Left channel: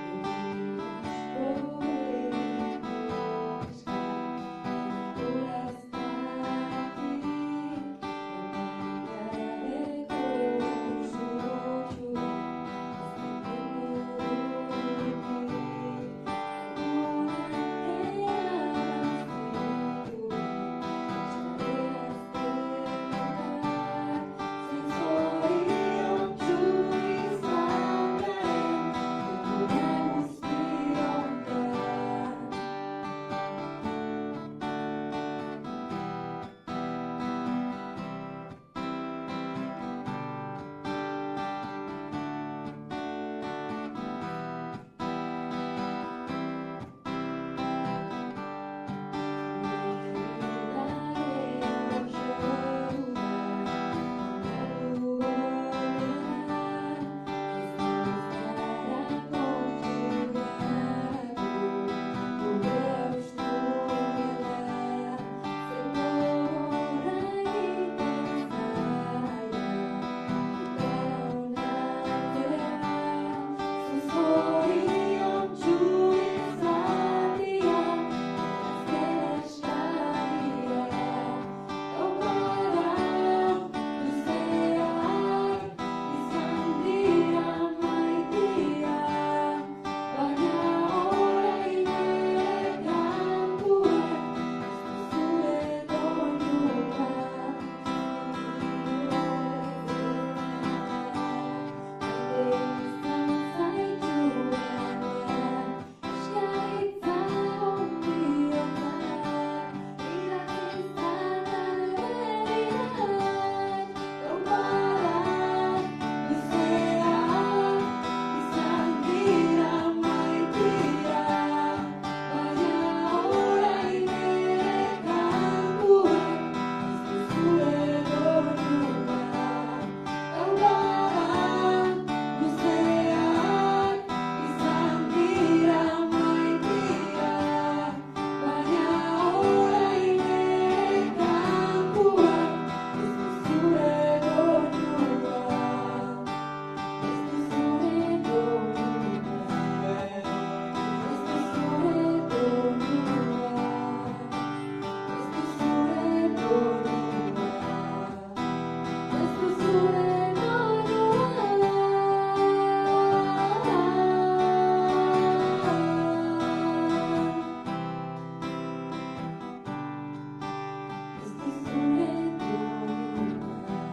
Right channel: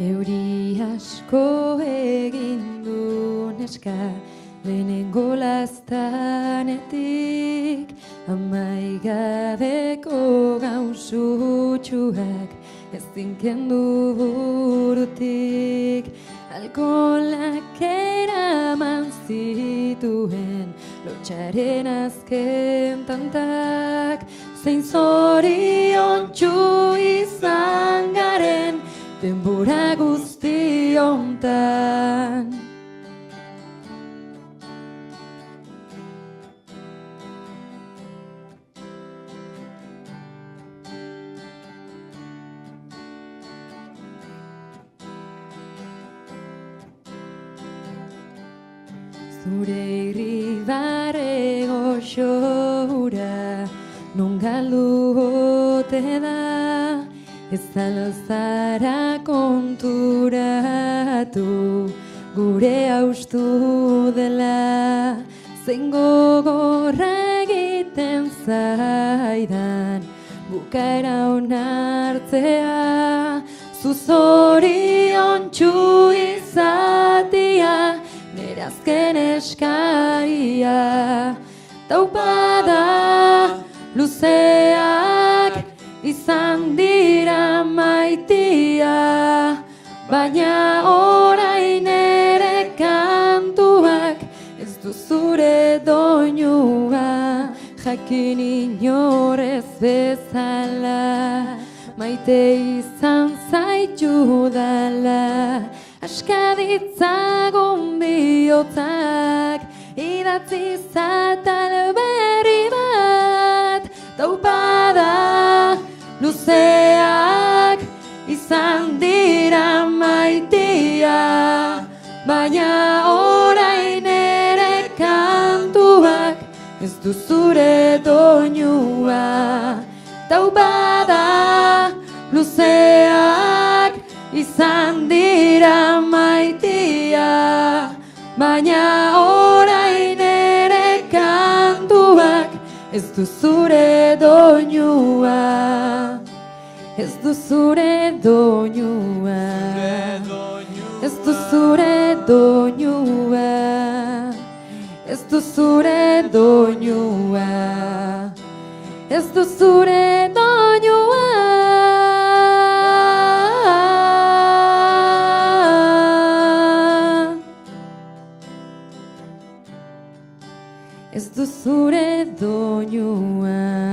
Euri asko egin du neska, lehenengo laztanetik, amaigabeko gauzutxuak, ez zinkendu burutik, alkoholak eraman zituen, lotxaren azken tantak, zein zoriontsu izan garen, denbora guzti hontan. Zure irribarre goxora, non galdu ote da, ez zara konturatu, gure haustu dela, zein gogorra egiten zaidan, bukaera onartzea, zu zoriontsu izatea, nire azken eskaria, taupada luzeak izan dira maitia, baina orain ere kantuak ez du zure doinua, jakin inorez bezala, maite izan zaitudala, aska ditzagun bihotzak, idatzi zatal berri bat, taupada luzeak izan dira maitia, baina orain ere kantuak ez du zure doinua, taupada luzeak izan dira maitia, baina orain ere kantuak ez du zure doinua, ez du zure doinua, ez du zure doinua, ez du zure doinua, ez du zure doinua. Ez du zure doinua.